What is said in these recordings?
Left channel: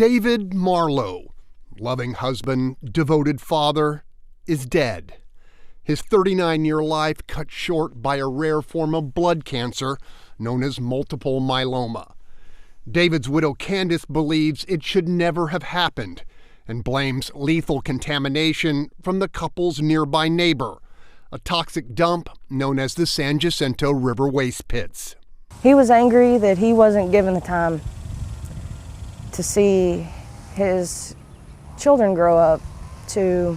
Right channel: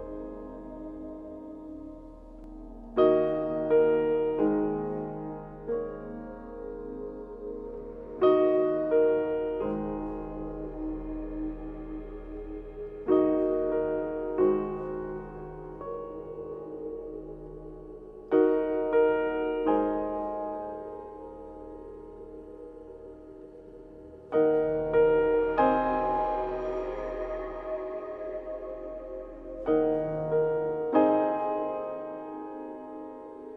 David Marlowe, loving husband, devoted father, is dead. His 39-year life cut short by a rare form of blood cancer known as multiple myeloma. David's widow Candace believes it should never have happened and blames lethal contamination from the couple's nearby neighbor, a toxic dump known as the San Jacinto River waste pits. He was angry that he wasn't given the time to see his children grow up, to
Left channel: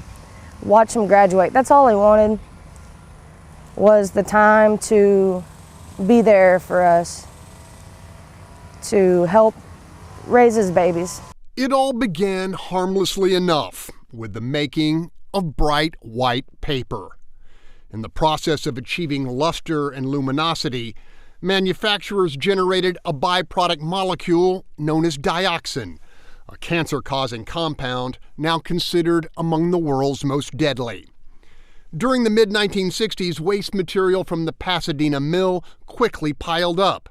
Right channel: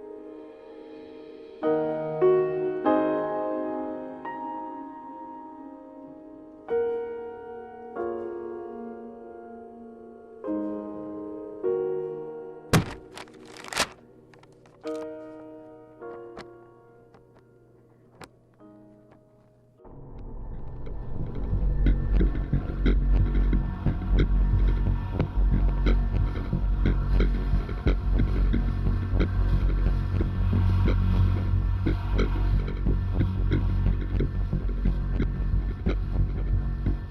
watch them graduate. That's all he wanted, was the time to be there for us, to help raise his babies. It all began harmlessly enough with the making of bright white paper. In the process of achieving luster and luminosity, manufacturers generated a byproduct molecule known as dioxin, a cancer-causing compound now considered among the world's most deadly. During the mid-1960s, waste material from the Pasadena mill quickly piled up.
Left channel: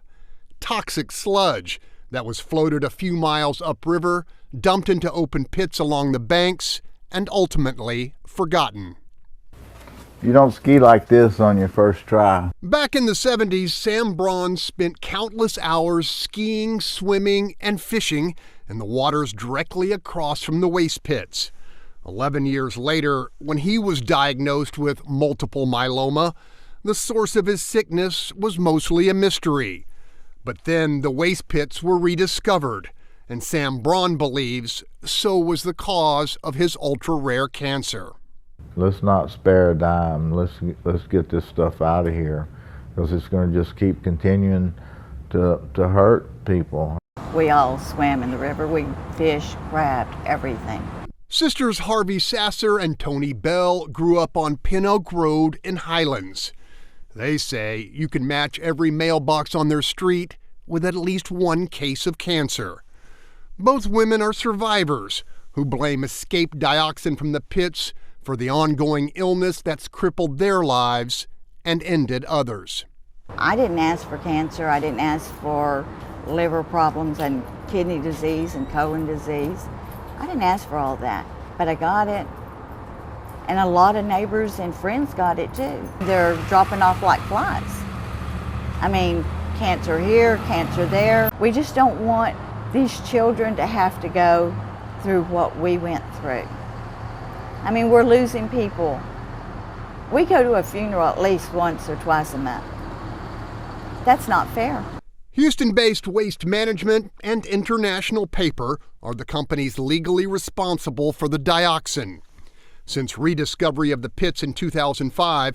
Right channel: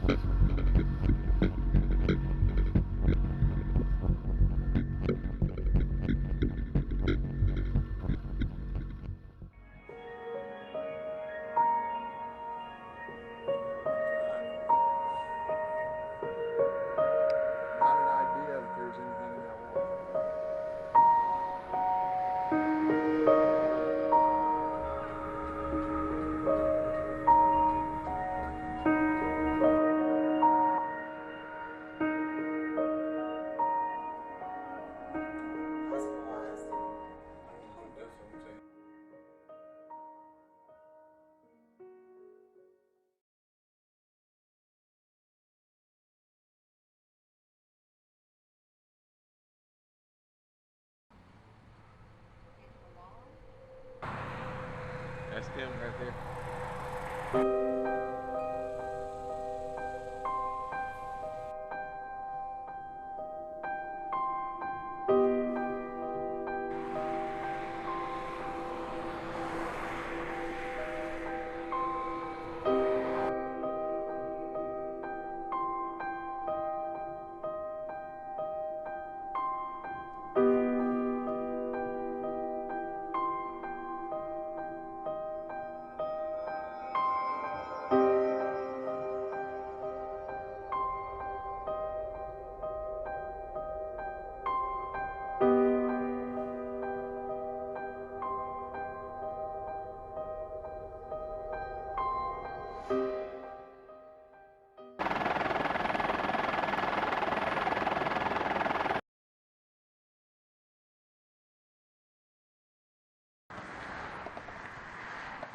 Toxic sludge that was floated a few miles upriver, dumped into open pits along the banks, and ultimately forgotten. You don't ski like this on your first try. Back in the 70s, Sam Braun spent countless hours skiing, swimming, and fishing in the waters directly across from the waste pits. 11 years later, when he was diagnosed with multiple myeloma, the source of his sickness was mostly a mystery. But then the waste pits were rediscovered, and Sam Braun believes so was the cause of his ultra-rare cancer. Let's not spare a dime. Let's get this stuff out of here, because it's going to just keep continuing to hurt people. We all swam in the river. We fished, crabbed, everything. Sisters Harvey Sasser and Tony Bell grew up on Pin Oak Road in Highlands. They say you can match every mailbox on their street with at least one case of cancer. Both women are survivors who blame escaped dioxin from the pits for the ongoing illness that's crippled their lives and ended others. I didn't ask for cancer. I didn't ask for liver problems and kidney disease and colon disease. I didn't ask for all that, but I got it. And a lot of neighbors and friends got it too. They're dropping off like flies. I mean, cancer here, cancer there. We just don't want these children to have to go through what we went through. I mean, we're losing people. We go to a funeral at least once or twice a month. That's not fair. Houston-based Waste Management and International Paper are the companies legally responsible for the dioxin. Since rediscovery of the pits in 2005,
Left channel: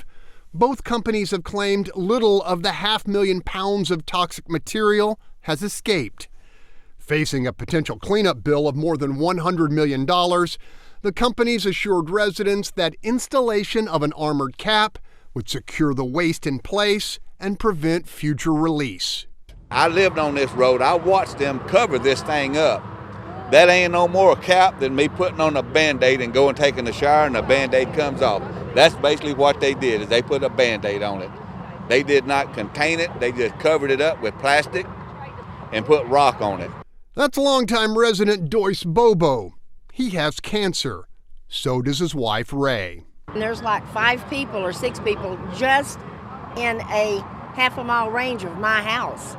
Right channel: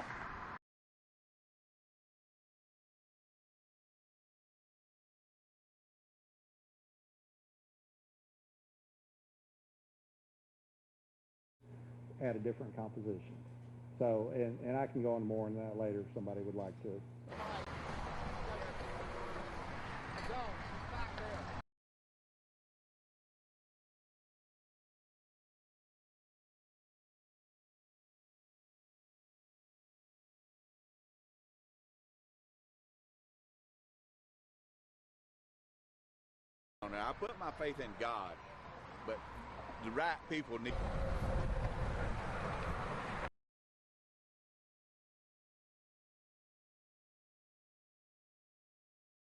both companies have claimed little of the 500,000 pounds of toxic material has escaped. Facing a potential cleanup bill of more than $100 million, the companies assured residents that installation of an armored cap would secure the waste in place and prevent future release. I lived on this road. I watched them cover this thing up. That ain't no more a cap than me putting on a Band-Aid and going taking a shower and the Band-Aid comes off. That's basically what they did, is they put a Band-Aid on it. They did not contain it. They just covered it up with plastic and put rock on it. That's longtime resident Doyce Bobo. He has cancer. So does his wife, Ray. And there's like 5 people or 6 people just in a half-a-mile range of my house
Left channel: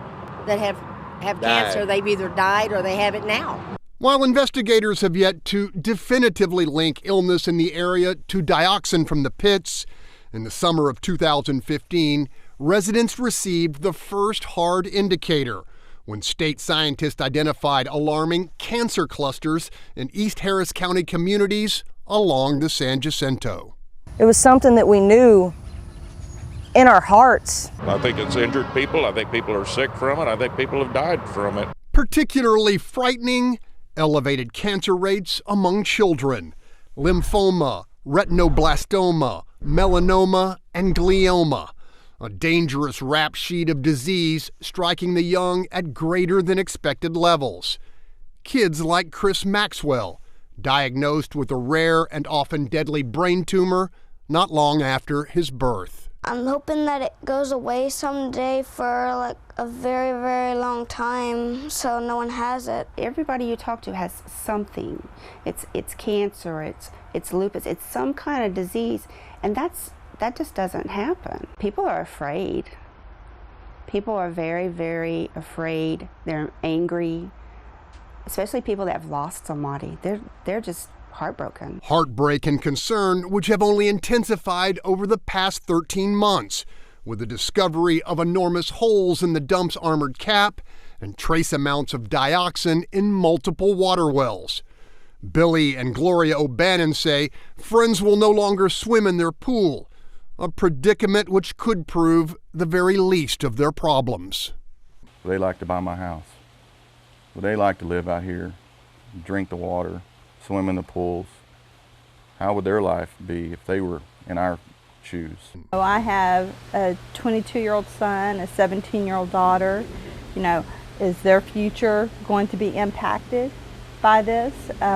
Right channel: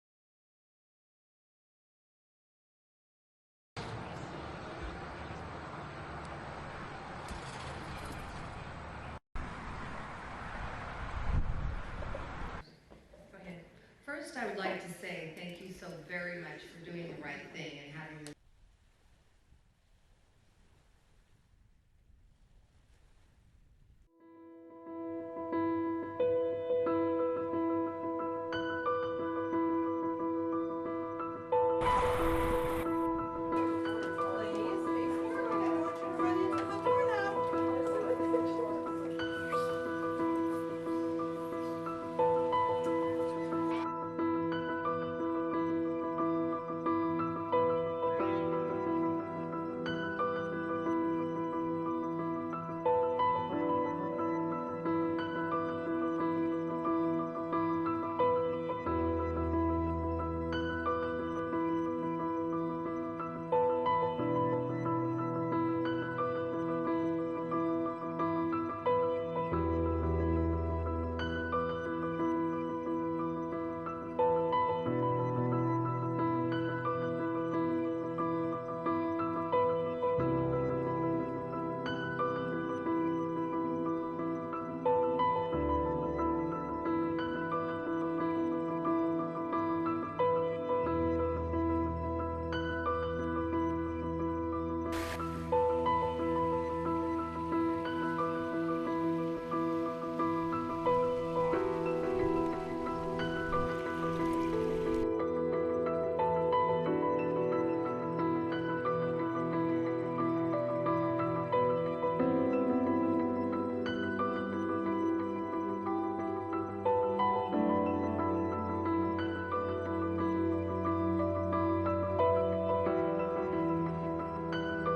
that have cancer. They've either died or they have it now. While investigators have yet to definitively link illness in the area to dioxin from the pits, in the summer of 2015, residents received the first hard indicator when state scientists identified alarming cancer clusters in East Harris County communities along the San Jacinto. It was something that we knew in our hearts. I think it's injured people. I think people are sick from it. I think people have died from it. Particularly frightening, elevated cancer rates among children. Lymphoma, retinoblastoma, melanoma, and glioma. A dangerous rap sheet of disease striking the young at greater than expected levels. Kids like Chris Maxwell, diagnosed with a rare and often deadly brain tumor not long after his birth. I'm hoping that it goes away someday for like a very, very long time so no one has it. Everybody you talk to has something. It's cancer, it's lupus, it's some kind of disease, and that just doesn't happen. People are afraid. People are very, very afraid. They're angry, especially people that have lost somebody. They're just heartbroken. Heartbreak and concern which have only intensified over the past 13 months with the discovery of enormous holes in the dump's armored cap and trace amounts of dioxin in multiple water wells. Billy and Gloria O'Bannon say friends will no longer swim in their pool, a predicament which could prove the very least of their problems. They like to buy my house. They like to live out here, drink the water, swim in the pools. How would their life be if they were in our shoes? So I have a 22-year-old son, a 17-year-old daughter. You know, is their future going to be impacted by this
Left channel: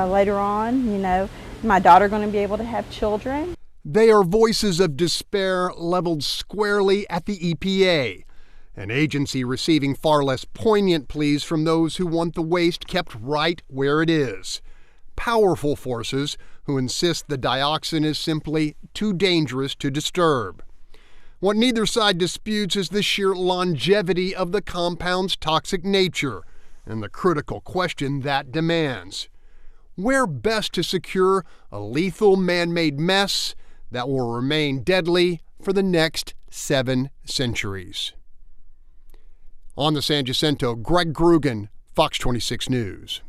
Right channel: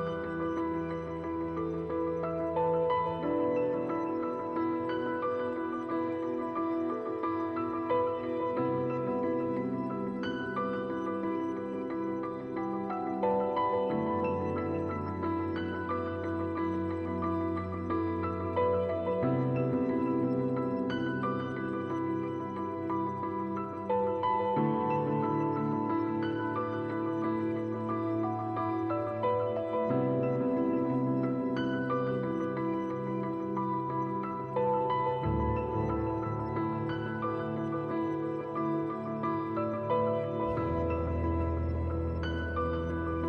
later on? You know, my daughter going to be able to have children? They are voices of despair leveled squarely at the EPA, an agency receiving far less poignant pleas from those who want the waste kept right where it is. Powerful forces who insist the dioxin is simply too dangerous to disturb. What neither side disputes is the sheer longevity of the compound's toxic nature and the critical question that demands. Where best to secure a lethal man-made mess that will remain deadly for the next 7 centuries? On the San Jacinto, Greg Groogan, Fox 26 News.